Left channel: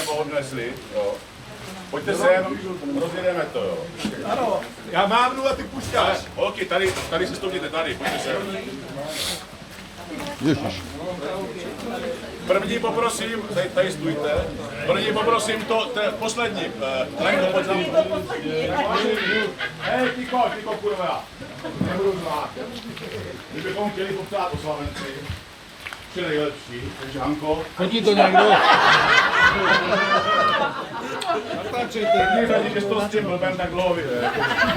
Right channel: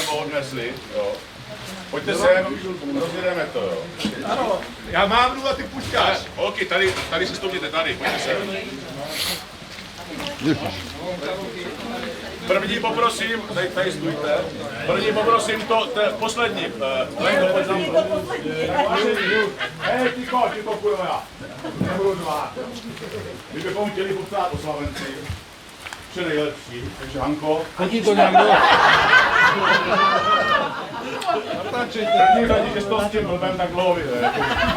nebo odnesli, jo. Pojďte sem, rozjedeme to, jo. Ano, já mám a ty pušťáš. Holky, tady si stoupněte, tady, pojďte sem. První poprosím, tady stůjte. První poprosím to poslední. Lenko, pojď za mnou. Hej, ticho, kurva. Nebudu zvát. My bychom chtěli popsat oslavenci. Vše nejlepší, takže Hanko. Chodí to někdo. První řadě, že jsi to s tím blbem tak dlouho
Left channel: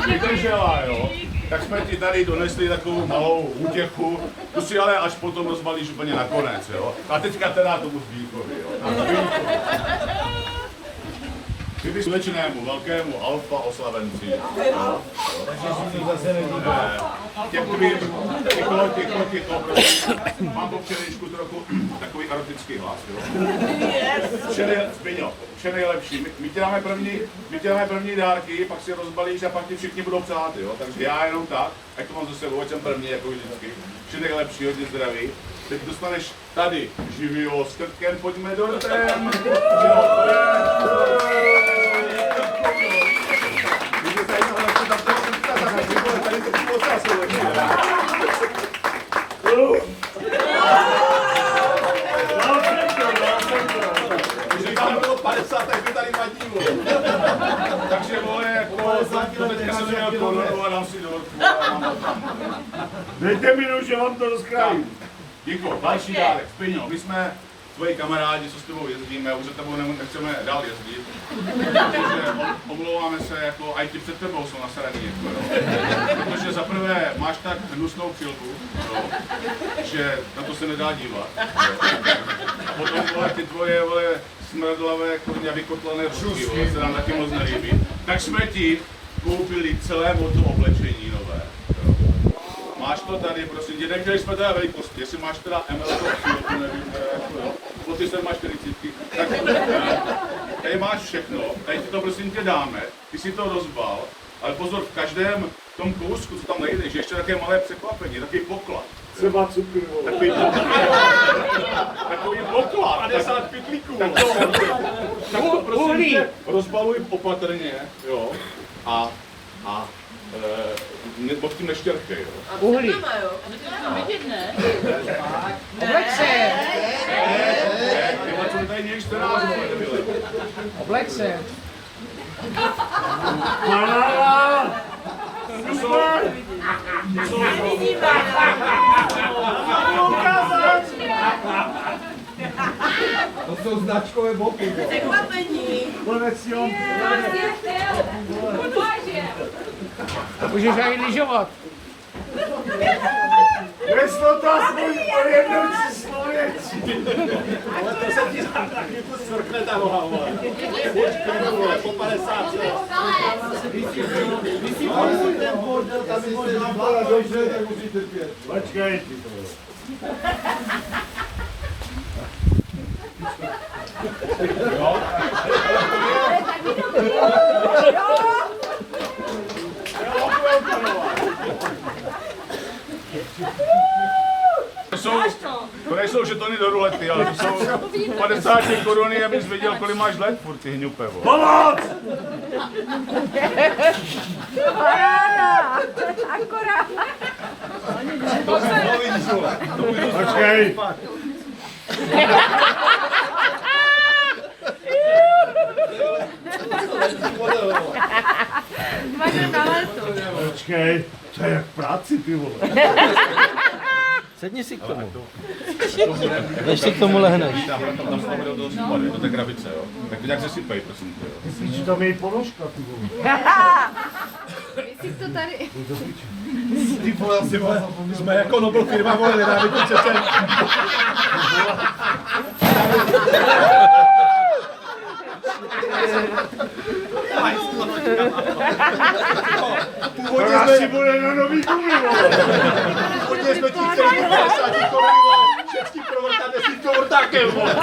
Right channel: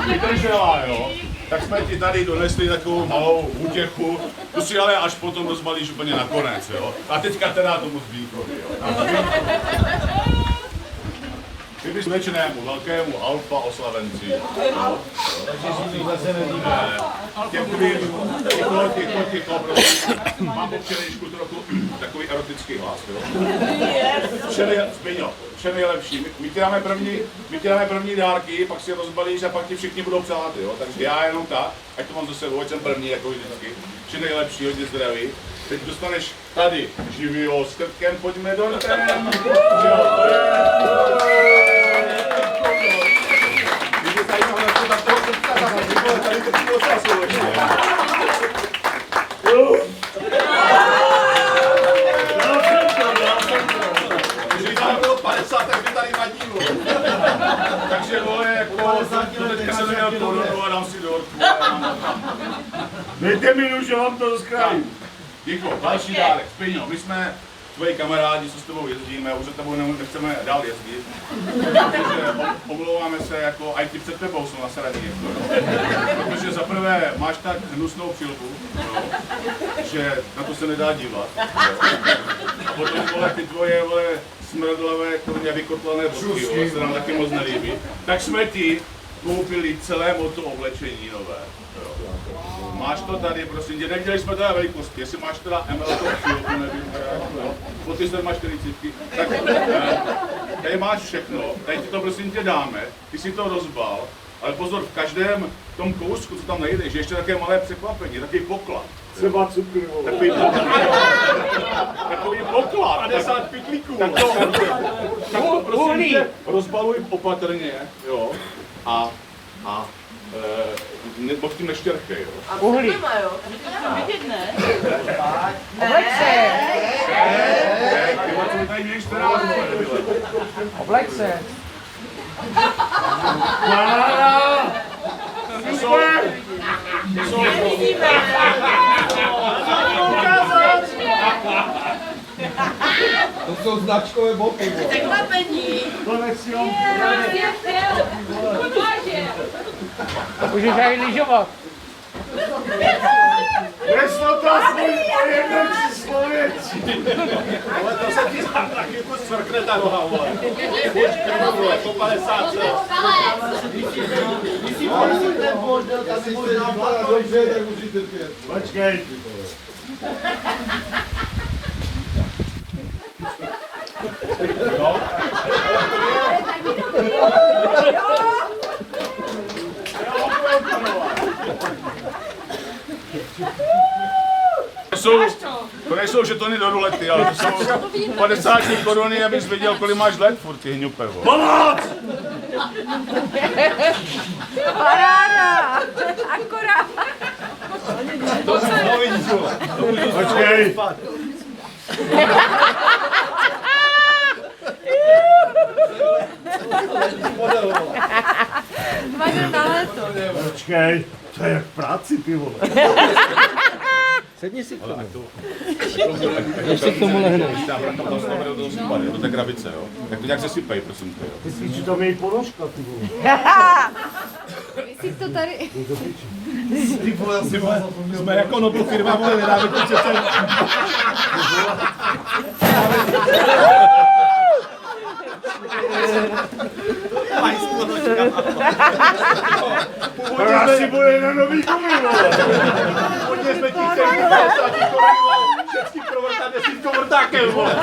vydržela, jo. Tak jsme ti tady donesli takovou malou útěchu, tu si ale až potom rozbalíš úplně nakonec, jo. A teďka teda tomu zbýkovi, jo. Kdyby slečnému, velkému alfa oslavenci, jo. Těm tvým, ticho, prosím. Mám po včerejšku trochu takový erotický hlas, jo. Vše nejlepší. My ti dáme první dárky, pak si je rozbalíš a pak ti všichni budou přát, jo. Takže já jenom tak, ať to mám za sebou, ať jsem první, jako vždycky. Vše nejlepší, hodně zdraví. Teď dostaneš tady živýho s krtkem, pojďme dortem. Jo, to je. Když je zajímavé, jak to tam toho krtka zahrát, tady to bylo času. Když vám bylo 50, tak by tady na dílu. Takže vole, jako teďka jsem měl korunu a dám si dorku. Dejte mi že vám to rozkrajím. Děkuji, další dárek. Spiňo, my jsme tvoji kamarádi, co s tebou jezdíme, už za tebou nechceme dál jezdit. Protože omlouváme se, jako i ti před tebou jsou nasraní, jako, jo. Protože zaprvé máš tak hnusnou přilbu, jo, že na to se nedá dívat. Jo. A potom vole, ty tvoje vole, smradlavé, kurně vykotlané bodky, se nám taky moc nelíbí. Tak jsme ti koupili celé moto oblečení nové. Jo. Máš to tady, prosím tě, neviděli jsme teda velikosti, jestli máš teda ML-to přilbu, nevím, teda jako jo, po ty 47, tak tady máš všechno, tady ti to prosím tě dáme, ty si to rozbal, ale pozor, v každém tom kousku, co tam najdeš, je ještě také malé překvapení, takový poklad. Třeba cukru, Takový poklad. 50 pytlíků. Tak to prosím tě, rozbaluj opatrně, jo, a pod tím neštěrkej, jo. A uhlí. Jo? To vidět, ne? Obleč se. Co tady mějš teda? Obleč se. To jsou značkové boky. Překvapení. Můžeš aj lyžovat. Neslo to aspoň po jednom příslověcí. Ale to se ti tam taky svrkne ta noha, vole. Počkej, vole, po 50 let. Jestli jste napadá dobře, tak musíte pět. Počkej. To nejsou žetony do rulety, ale to jsou 50 koruny, abys věděl, kolik máš let furt, ty hňupe. Pomoc! Akorát. Počkej. Počkej, to je jak v práci, ty vole. Sedni si k tomu. Ještě k tomu lehneš. To je krabice, jo. Tak to nějak sesypej, prosím tě. Myslíš, že tam je i ponožka, ty vole. Myslíš to tady? Ty vole, asi jsme jako Nobel firma, vole, nedáme to přece. To asi bude na nový gumy, vole. Původně jsme ti chtěli 50 korun, vole, všecky provrtat 10 vrtákem, vole.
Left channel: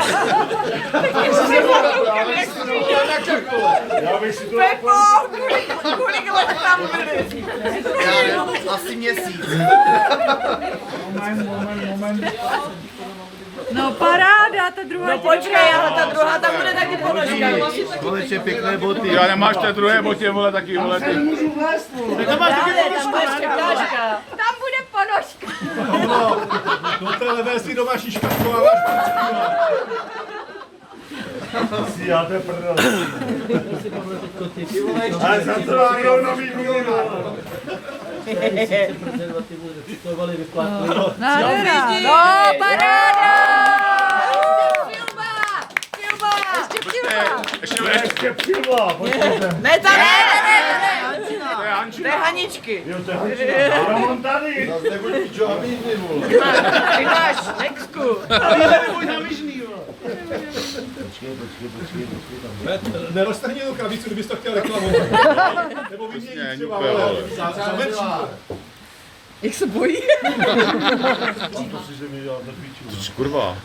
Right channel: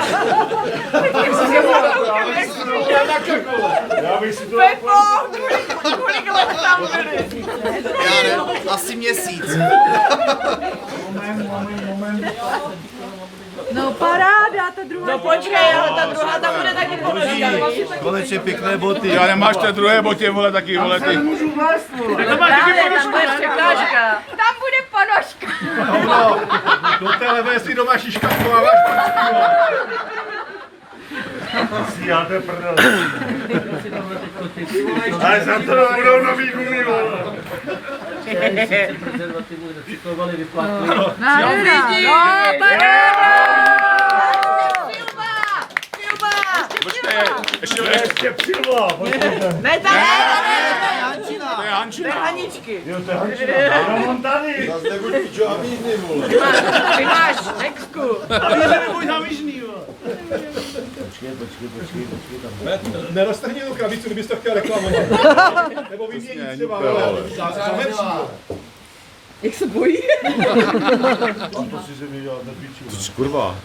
Já bych si to Kolik let tam byli? Já nevím, asi měsíc. Moment. No paráda, ta druhá. No počkej, ale ta druhá tam bude taky ponožka. Konečně pěkné boty. Já nemáš té druhé botě, vole, taky, vole, ty. Můžu vlézt, vole. Tam bude ponožka. No, do té levé si doma šiškatkováváš prčky, vole. Si já to je prdel. Ale za to budou nový gumy, vole. Nádhera. No, paráda. Ještě přilva, počkejte. Ne, tam ne. To je Hančina. To je Haničky. Jo, to je Hančina. Já mám tady. Zase nebuď pičoviny, vole. Ty máš Nexku. A vy neboj závižný, vole. Počkej tam. Neroztrhni tu krabici, kdybys to chtěl reklamovat. Nebo vyměnit třeba, vole, za verší. Jak se bojí? To si ze mě dělat nepíču. Kurva.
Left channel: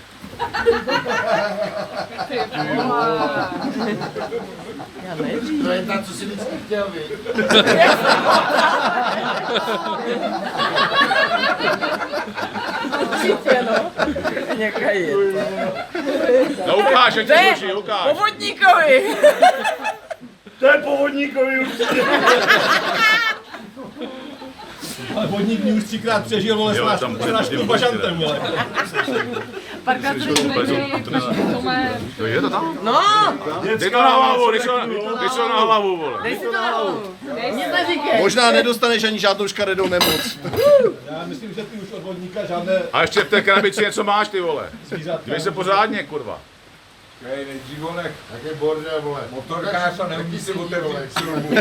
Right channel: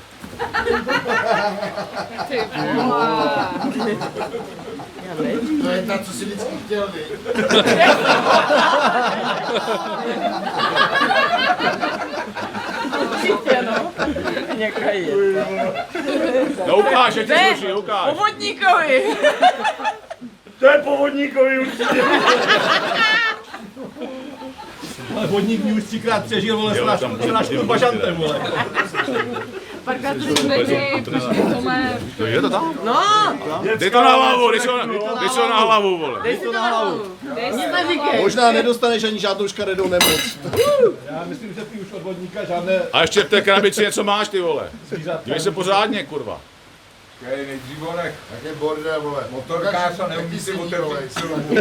To je ta, co si vždycky chtěl, vy. Určitě, no. Nějaká je. No ukáž, ať ti sluší, ukáž. Povodníkovi. To je povodníkový určitě. Ale vodník mě už 3krát přežil, vole, s náškou bažantem, vole. Párkrát to řekli, Je to tam? no, Dej to na hlavu, dej si to na hlavu, vole. dej si to na hlavu. Nic neříkej. Možná nedostaneš ani žádnou škaredou nemoc. Já myslím, že ty už od vodníka žádné A ještě v té krabici něco máš, ty vole. zvířatka. Dívej se pořádně, kurva. Nejdřív vole, Jak je bordel, vole. motorkář a neumí si otevřít silubu.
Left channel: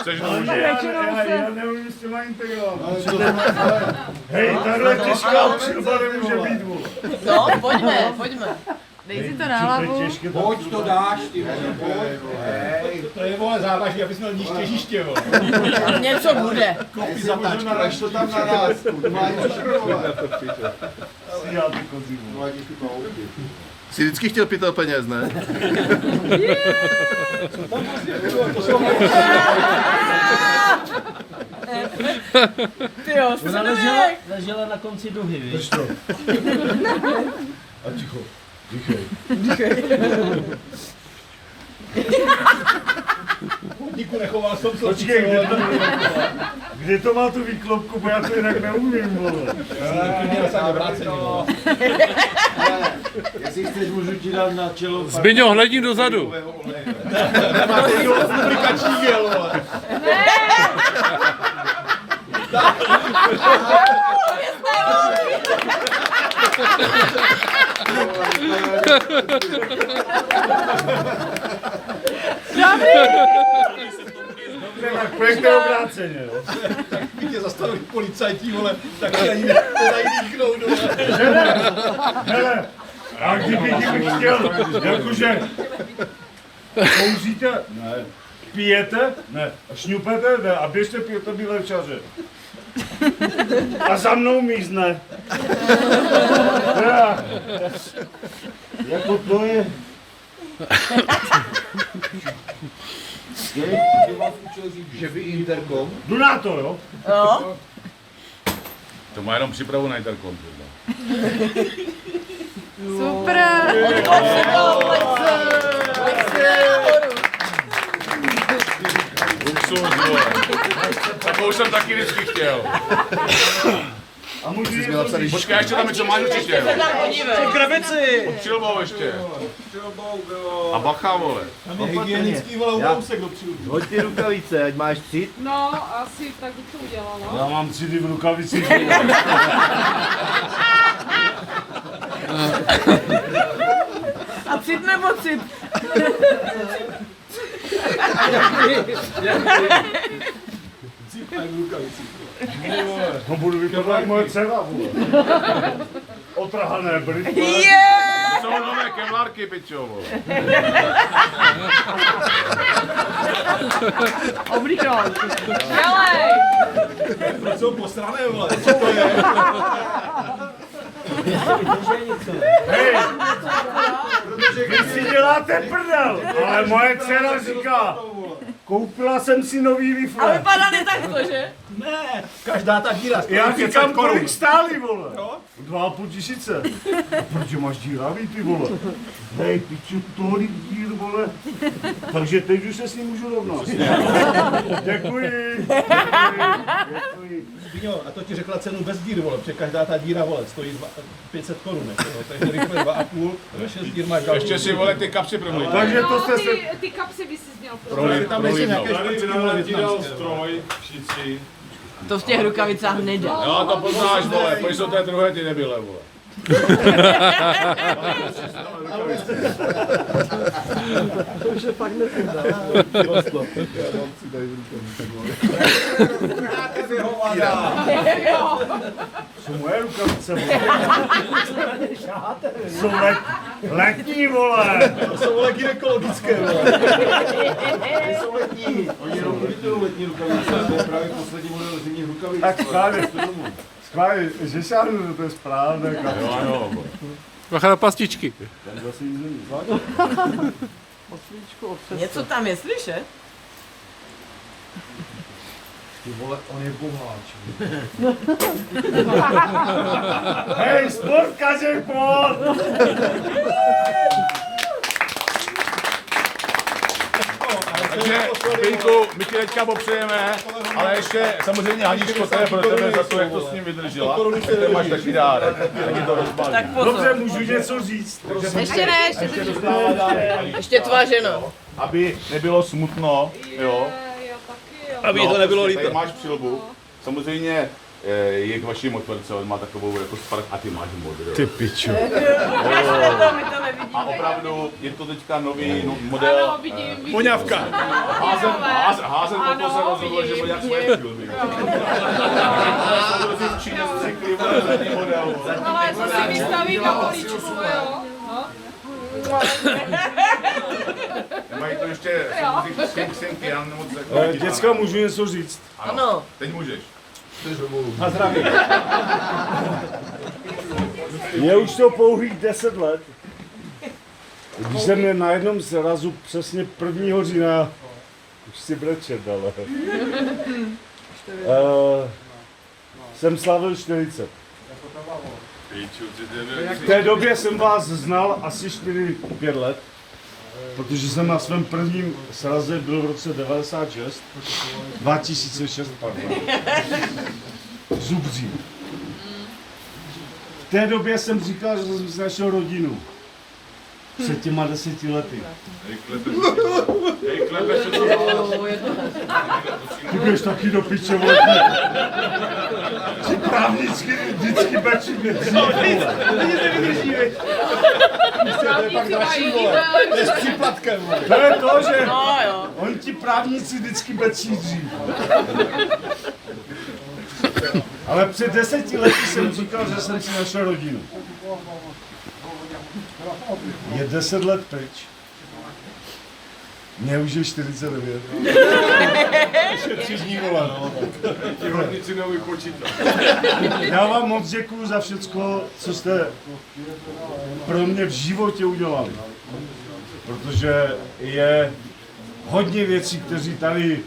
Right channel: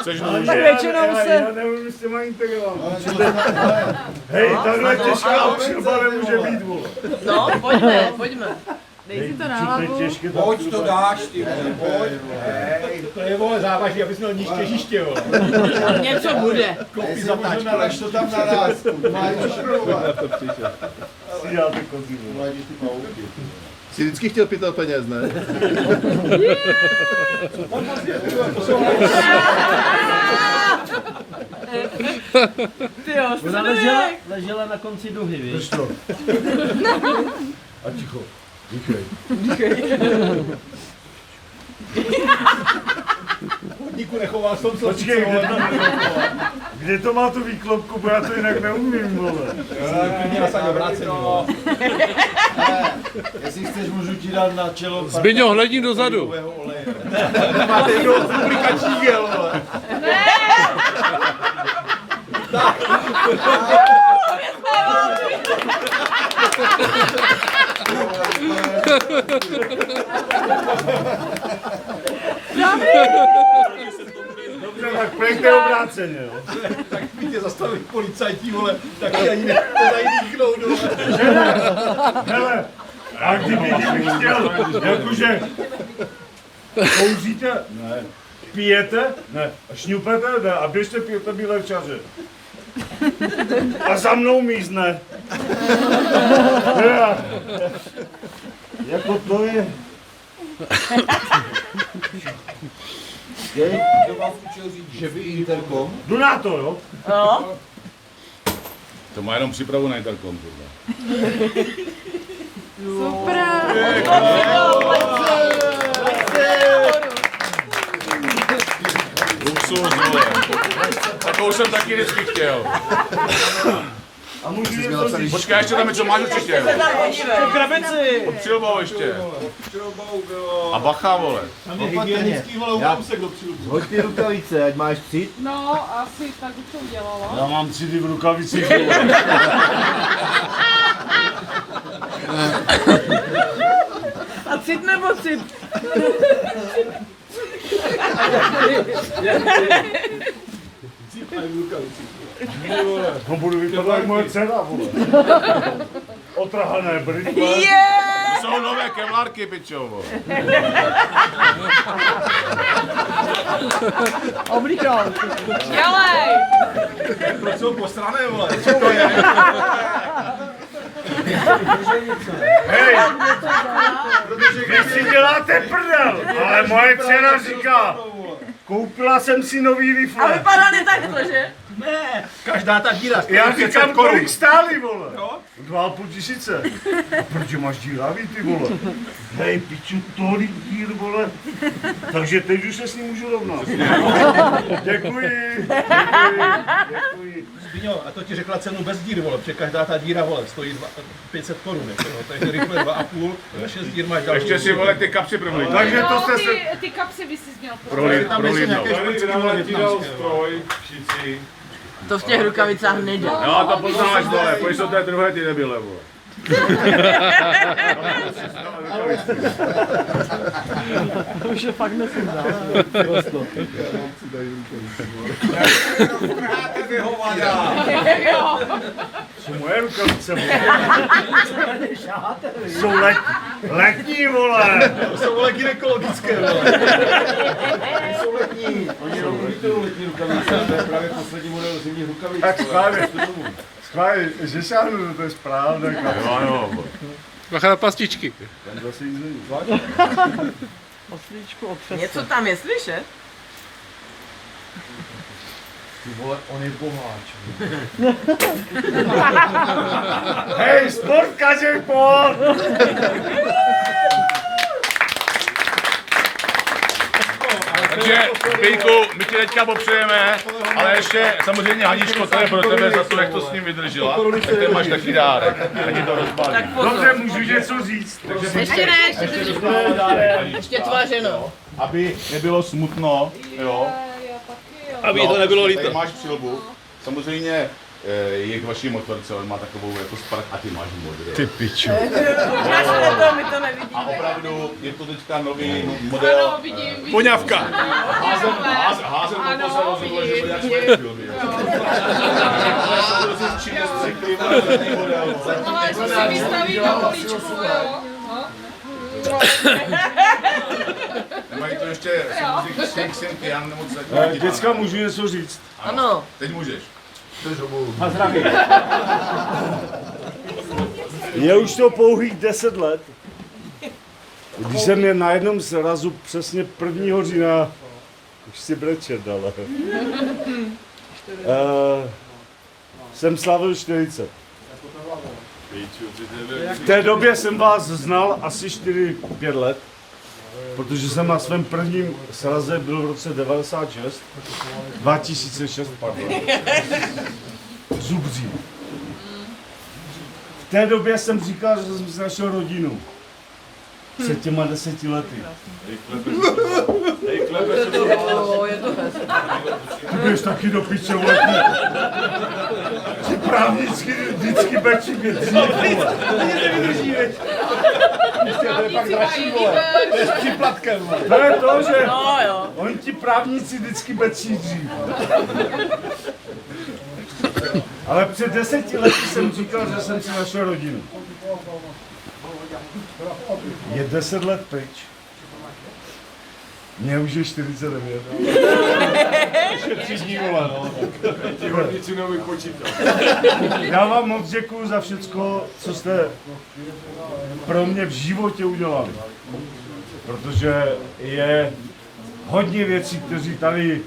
Chceš Já neumím s těma integrovat. Hej, takhle těžká přilba nemůže být, vole. No, pojďme. Dej si to na hlavu. Těžké to Pojď to dáš, ty vole, pojď. To je, vole, závaží, abys měl níž těžiště, vole. Něco bude. Kopí zatáčku, až to tam naraz. Já ty kozy, vole. Jsi vždycky chtěl pytel peněz, ne? Ty jo, Ona ležela na konci duhy, víš? Drž to. A ticho. Dýchej. Vodníku nechoval jsem se. Počkej, kde to má tu výklopku, bo já to jinak neumím, vole. Já jsem obrácený, vole. Jestli chceš, můžu ti dát na čelo. Zbyňo, hledni dozadu. Máte jo, lubrikační gel, vole. Dobře, tak pojďte obráceně, jo. Tak tě zastavili policajti, vole, tak se ani nedají dýchnout, vole. Hele, a kdybych chtěl, jakože kouříte, ne, pijete, ne, a šňupete, ne, a běžte pijete bílé včaře. A za mnou mízne. Ja, jako to je. Kdo vás učil říct, že vy interkom? Jdu na to, jo? To má jenom přípravu na interkom, kurva. Super. Luxus, vole. Takovou jsem taky vždycky chtěl. A můžu jít Počkej, ještě tam něco máš určitě. V krabici! Přilbou ještě. A bacha, vole. hygienický, vole, ukousek do přilbu. Hoď ty rukavice, ať máš cit. No, asi tak bych to udělala. Já mám cidy v rukavicích, vole. A cit nebo cit? No budu vypadat jak moje dcera, vole. Otrhané brýle. Jsou nové kevlarky, pičo, vole. Oblíkal. Dělej! Proč jsou posrané, vole? Co to je? Hej! Vy si děláte prdel, ale moje dcera říká, koupila jsem si nový A rifle. vypadaly takto, že? Ne, každá ta díra. Já 500 říkám, korun. kolik stály, vole. No. 2,5 tisíce. A proč máš díravý, ty vole? Hej, piču, tolik dír, vole. Takže teď už se s ním můžu rovnat. Děkuji. Jo, a to ti řekla cenu bez díry, vole, protože každá ta díra, vole, stojí 500 korun, jako, no, takže rychle 2,5, za 6 dír máš další. Ještě si vole ty kapsy promluvit. Takže to jste se... Ty kapsy by si měl Protože tam ještě nějaké šprcky, vole, větnamské, vole. stroj, šicí. To v těch rukavicách nejde. No to poznáš, vole, pojď jsou té druhé ty debile, vole. Jsou moje rukavice, vole. Jsou letní, vole. To jsou, vole, gynekologické, vole. Jsou letní. Tak schválně, že šáhnu, to je správné, kapitán. Bacha na pastičky. Ten zase nic není. Něco tam je slyšet? Hej, sportkaři, pojď! Takže, Pejku, my ti teďka popřejeme, ale ještě samozřejmě Haničko, to je pro tebe za to, jak to s ním vydržela. Tak ty máš taky dárek, tak ti to rozbalí. Dobře, můžu něco říct. Ještě ne, ještě tvá žena. Aby nebylo smutno, jo. Aby to nebylo líto. Tady máš přilbu. Samozřejmě je k vaší motorce, on má takovou jako spark a ty máš modrou. Ty pičo. My to nevidíme. A opravdu je to teďka nový model. Ano, vidím. Poňavka. Házen to se rozhodlo, že bude jak svoje filmy. Ale to si vystaví na poličku, jo? Nemají to ještě Xintian nebo co? Děcka, můžu něco říct? Ano. Teď můžeš. Je už to pouhých 10 let. Když jsem měl na jednom srazu přesně 1. října, už si brečet, ale jsem slavil 40. V té době jsem vás znal asi 4-5 let, protože jsem na svém prvním sraze byl v roce 2006, pardon. Zubří. V té době jsem říkal, že jsem si našel rodinu. Před těma 10 lety. Ty běž taky do piče, vole. Ti právnicky vždycky bečí mě dřív, vole. To je pak dražší, vole. To je s příplatkem, vole. To je to, že oni ti právníci vždycky bečí dřív. Ale před 10 lety jsem říkal, že jsem si našel rodinu. Je 10 let pryč. Mně už je 49. Ještě 3 dní, vole, no. Ti hodnici nevypočítat. Já vám moc děkuju za všecko, co jste pro mě v životě udělali. Protože je hodně věcí, kteří tady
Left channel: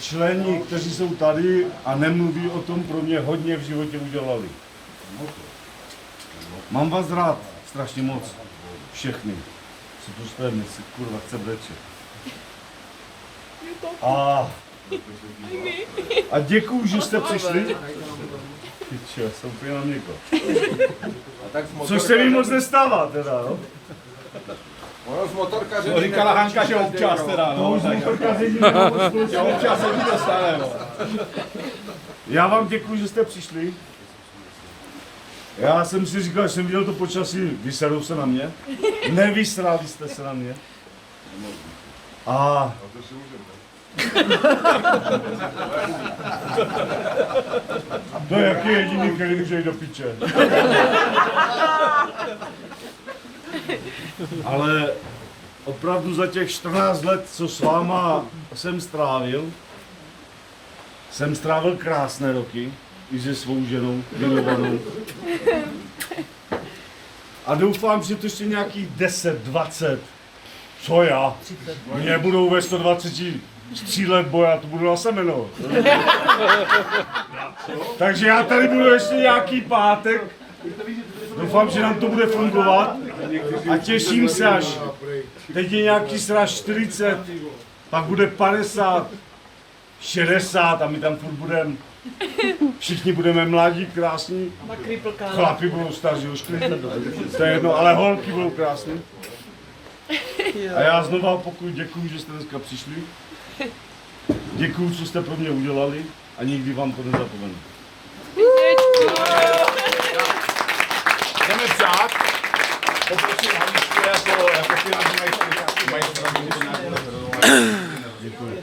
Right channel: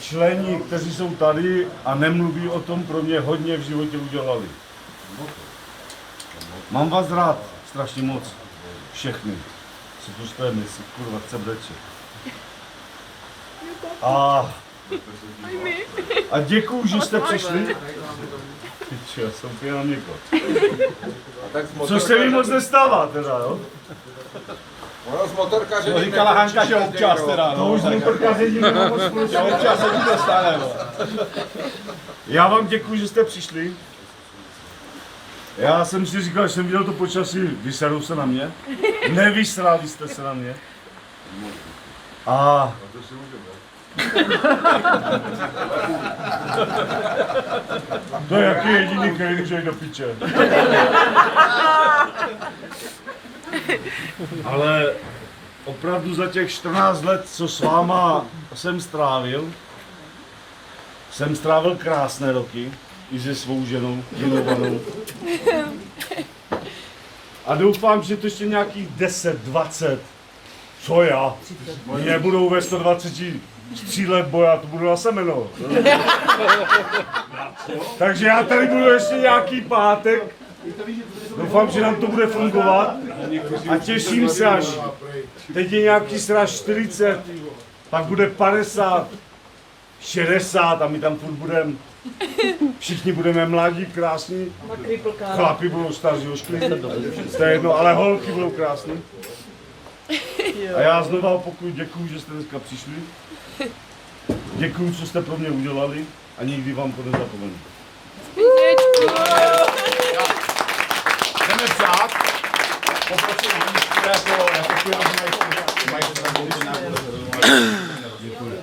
členi, kteří jsou tady a nemluví o tom, pro mě hodně v životě udělali. Mám vás rád, strašně moc. Všechny. Co to jste myslí, kurva, chce brečet. A děkuju, že jste přišli. Pičo, jsem úplně na měko. Což se mi moc nestává teda, jo? Ono z motorkaře... To říkala Hanka, že občas teda, To no. už z motorkaření nemám moc Že společného. občas se ti to stane, no. Já vám děkuji, že jste přišli. Já jsem si říkal, že jsem viděl to počasí, vyserou se na mě. Nevysrali jste se na mě. A... To je jaký jediný, který může jít do piče. Ale opravdu za těch 14 let, co s váma jsem strávil krásné roky, i se svou ženou, milovanou. A doufám, že to ještě nějakých 10, 20, co já, mě budou ve 120 z 3 let boja to budu na semeno. Takže já tady budu ještě nějaký pátek. Doufám, že nám to bude fungovat a těším se, až teď je nějaký sraz 40, pak bude 50, 60 a my tam furt budeme. Všichni budeme mladí, krásní. Chlapi budou staří, ošklí. To je jedno, ale holky budou krásný. A já znova pokud děkuju, že jste dneska přišli. Děkuju, co jste pro mě udělali a nikdy vám to nezapomenu. Jdeme vzát. Poprosím Haničku jako finanční majstra. Děkuji.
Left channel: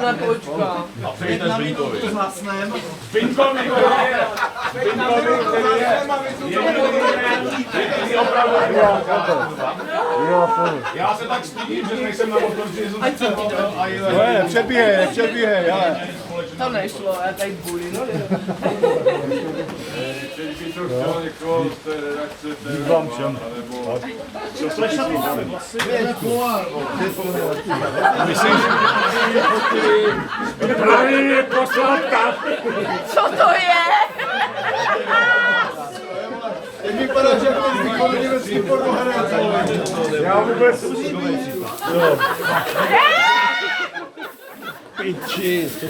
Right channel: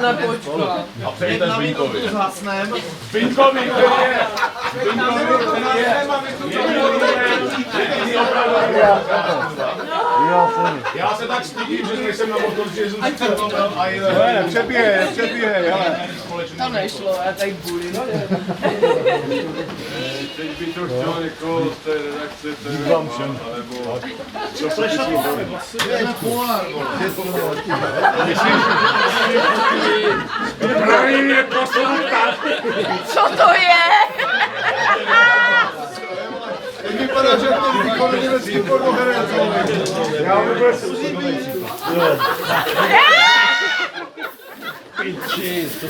Na počka. A přejte Zbyňkovi. Já se tak stydím, že nejsem na motorce, že Nepřebíhej. To nešlo, já tady bulím. teď by to chtěl někoho z té redakce. Vám všem. Právě mě poslal ptát. Co to je? Vypadá, že to výkon německý pornoherec. Já vůbec...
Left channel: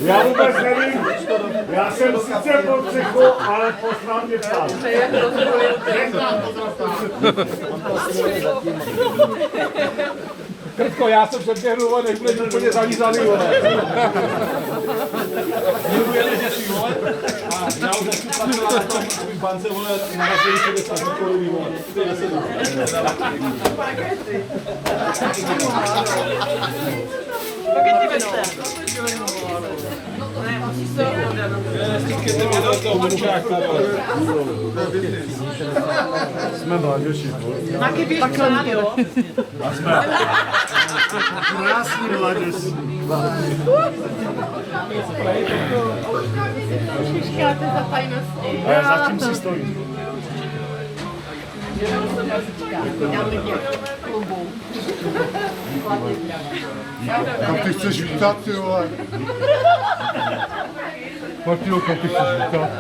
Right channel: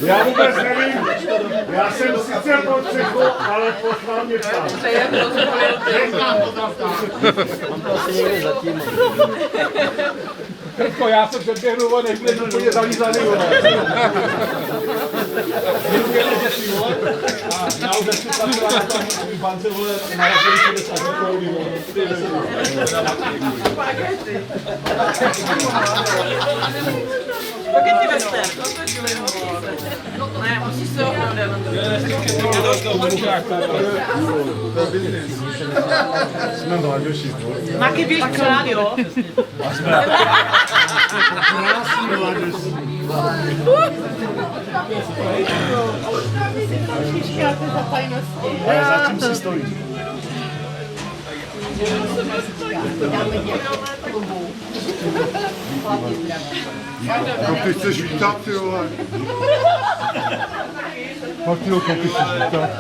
Já vůbec nevím, já jsem sice pod střechu, ale poslal mě ptát. Krtko, já jsem předběhnu, než bude úplně zalízaný, vole. Děkujeme, že si, vole. A já už nechci pracovat na tom bance, vole, narazili 60 koruny, vole. Spaghetti western. Ne, musí se Jsme mladěši. Máky běž k nám, jo? A jsme krásní mladěši. Říkáte za tajnosti. Ale zatím si stojí. Ty chceš vítat, ty vole. Martino, ty chceš vítat.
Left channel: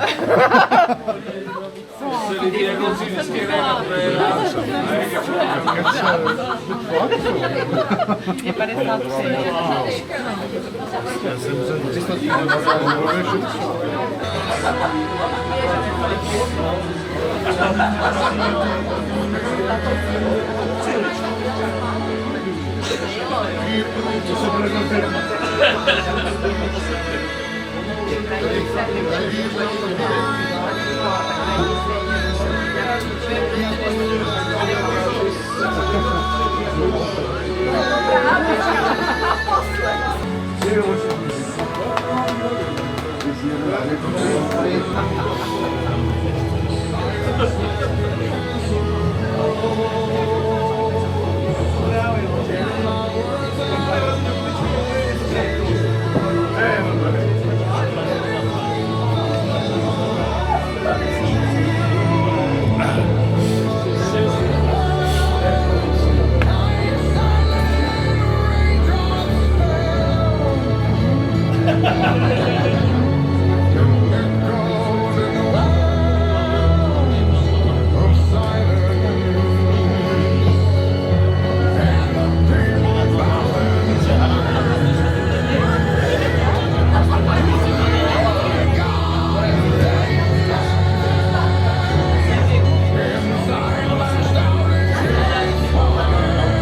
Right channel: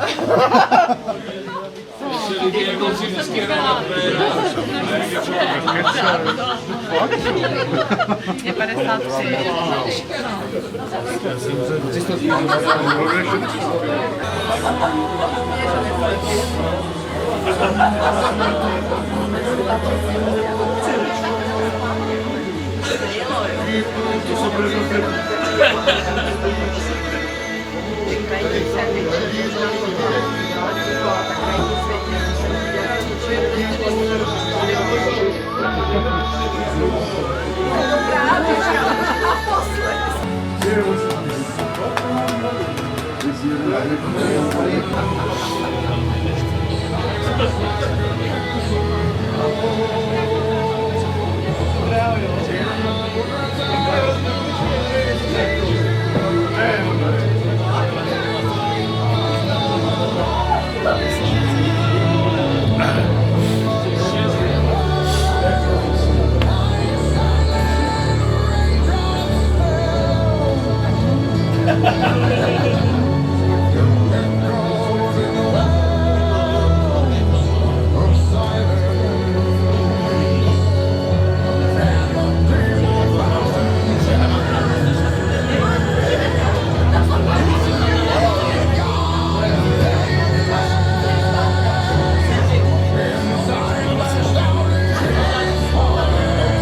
Je 53. Thank you.